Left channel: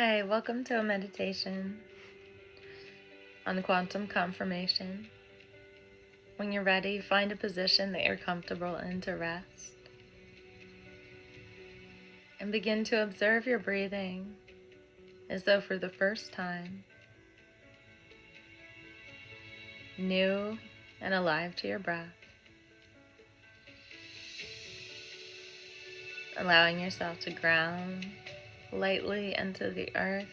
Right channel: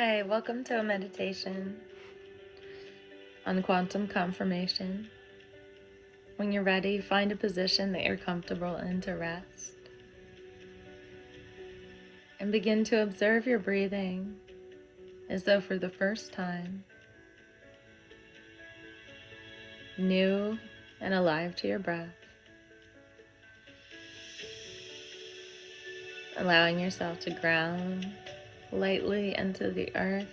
Hi, welcome to a meditation on quantum confirmation. When you're ready, find a position that you're comfortable in to rest. And begin to observe your breathing as though for the first time, new and alive to your breath. Allowing yourself to ground lightly into the earth,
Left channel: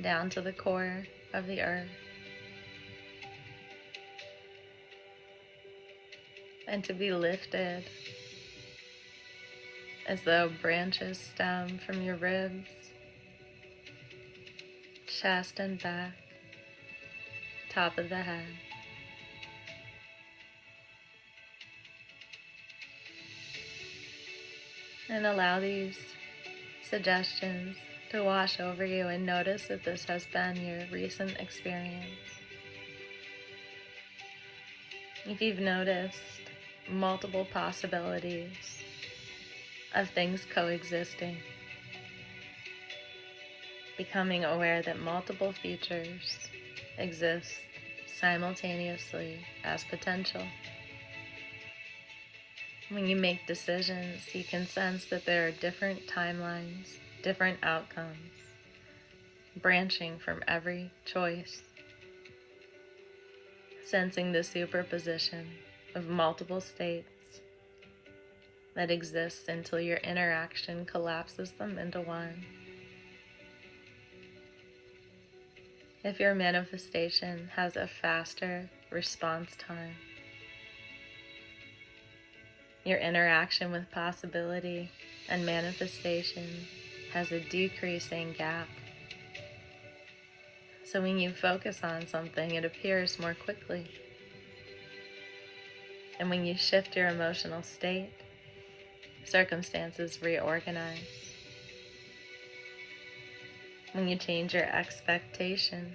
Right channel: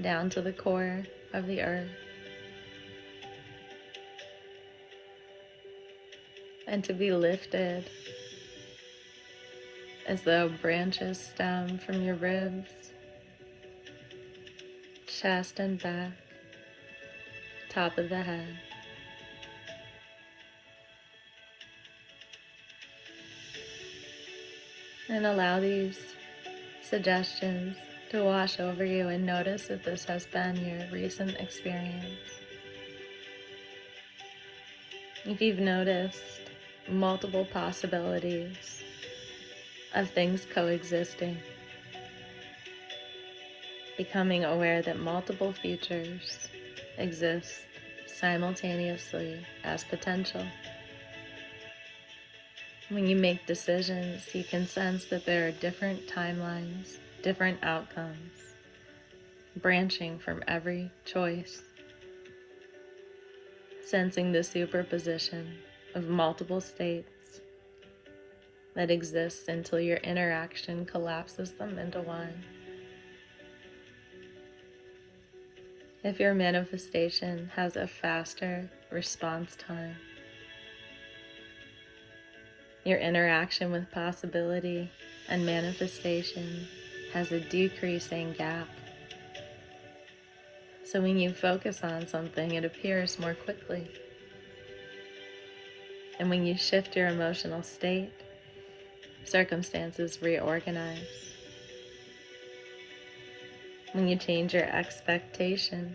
down to the core of the earth. And to be lifted as though branches stem from your ribs, chest and back, top of the head. And allow these suggestions to wash over you, and notice that this has been your recent experience. If you've noticed multiple possibilities of things coexisting, becoming aware that multiple futures exist simultaneously as potential. When you make decisions, you can sense that there are different timelines, different outcomes, branching from every choice. Sensing the superposition of multiple states that exists until your interaction collapses them into one. If your manifestation has a faster response time, your interaction with possibility and manifestation has a decreasing gap. So when you focus on something, it appears more quickly. And when you shift your emotional state, circumstances reorganize. When you change your expectation,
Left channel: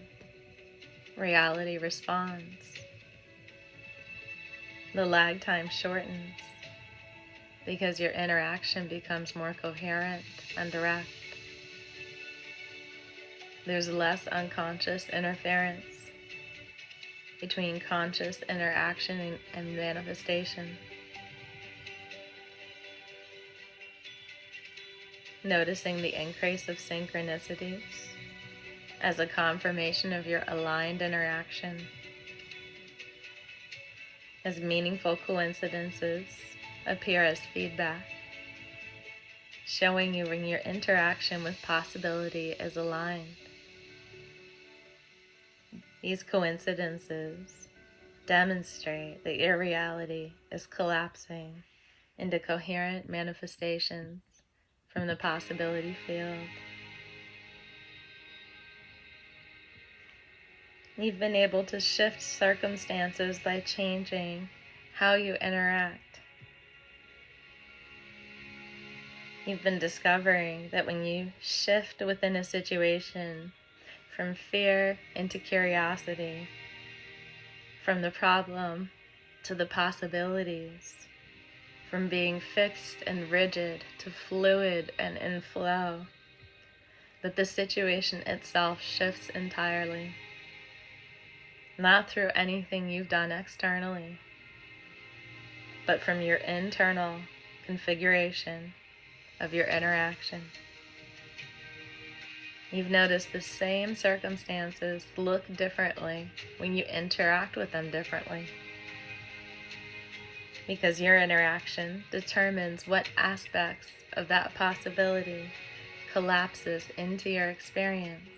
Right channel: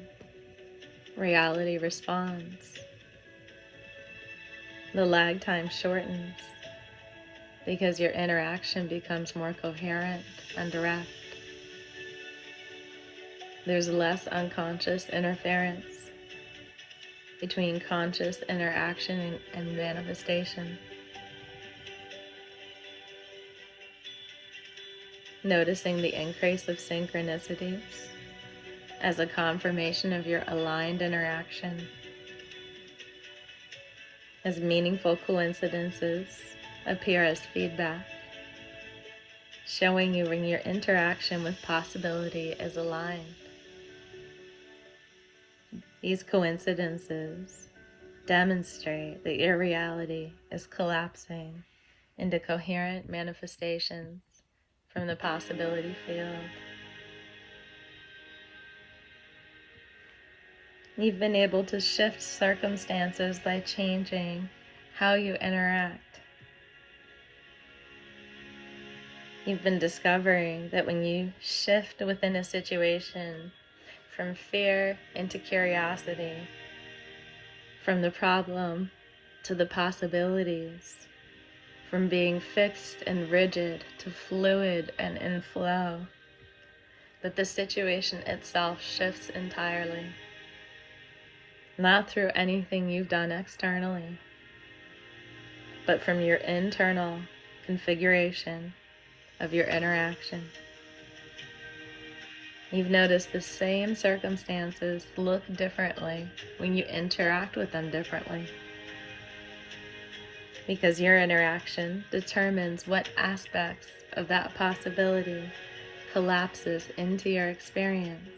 reality responds. The lag time shortens because your interaction becomes more coherent and direct. There's less unconscious interference between conscious interaction and manifestation. Noticing the increase of synchronicities as a confirmation of your aligned interaction, as meaningful coincidences appear as feedback, showing you when your interaction with possibility is aligned. These coincidences demonstrate that your reality is collapsing into coherent manifestations from the possibility field. You've been able to shift circumstances by changing how you interact. You've been discovering that when you shift within a situation from fear into curiosity, from the problem to the possibilities, from being fixed and rigid to fluid and in flow, that the situation itself shifts entirely. Not through anything you've done externally, but from your internal configuration of your interaction. You've noticed the same circumstances look differently when you interact with them differently, because your interaction determines what aspects of that possibility collapses into your experience.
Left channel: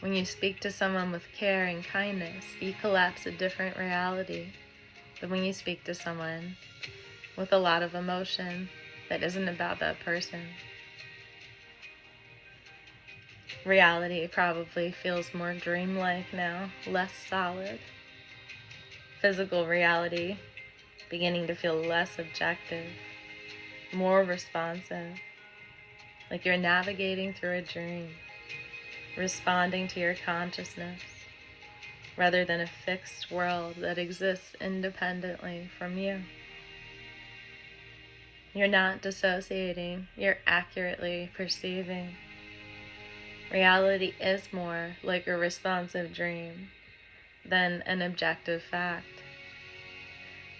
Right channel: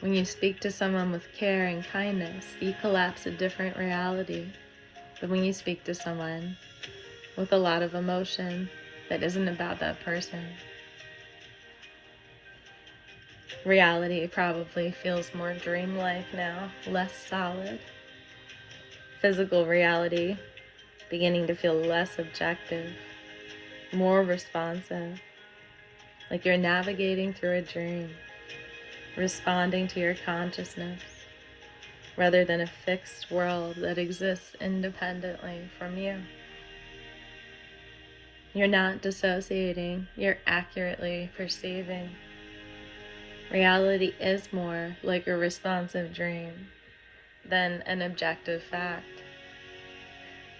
When you speak to someone with care and kindness, you collapse a different reality than when you speak to someone with a lot of emotion that isn't about that person. Reality probably feels more dreamlike now, less solid. Physical reality beginning to feel less objective, more responsive, like you're navigating through a dream, responding to your consciousness, rather than a fixed world that exists independently from you. You're not dissociating, you're accurately perceiving Reality is more like a responsive dream than an objective fact,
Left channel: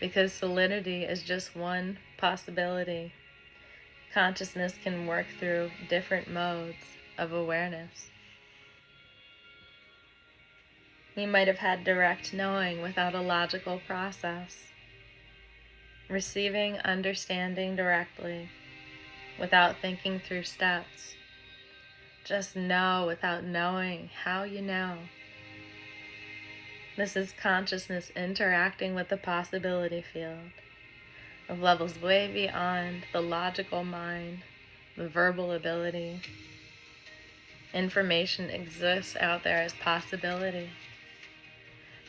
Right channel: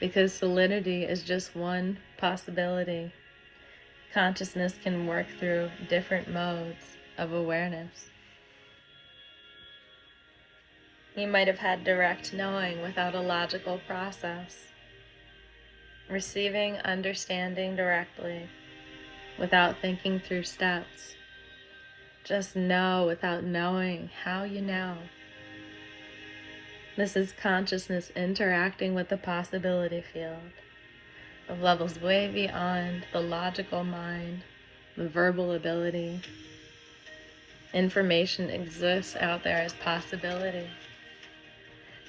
because solidity is just one possibility. Consciousness can work through different modes of awareness. You might have had direct knowing without a logical process, receiving understanding directly without thinking through steps. Just know without knowing how you know. This is consciousness interacting with the possibility field of levels way beyond the logical mind, the verbal ability. Information exists out there as possibility.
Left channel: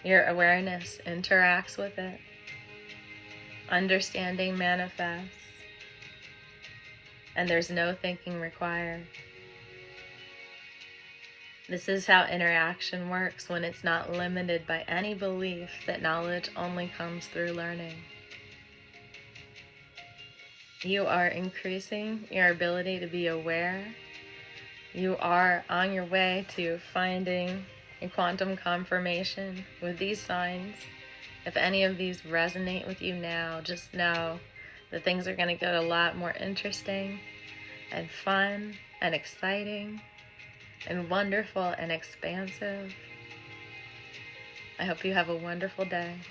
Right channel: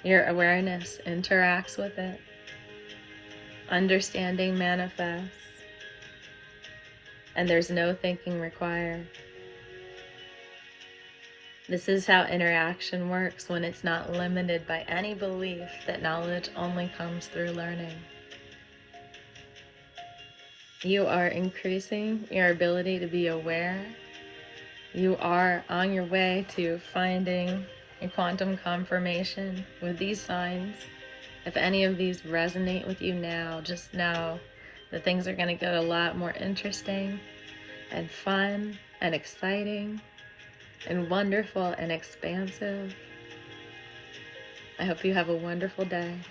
Your awareness interacts with it. Understanding manifests, and there's no thinking required. This is how interaction works when it's not limited by any belief that knowledge only comes through learning. You are increasing your ability to be aware. You are on your way to finding a quantum confirmation with these signs. If any of these resonate with you now, just know that things are going to get a lot more interesting and fun and exciting and wonderful and expansive. I hope you have a wonderful day.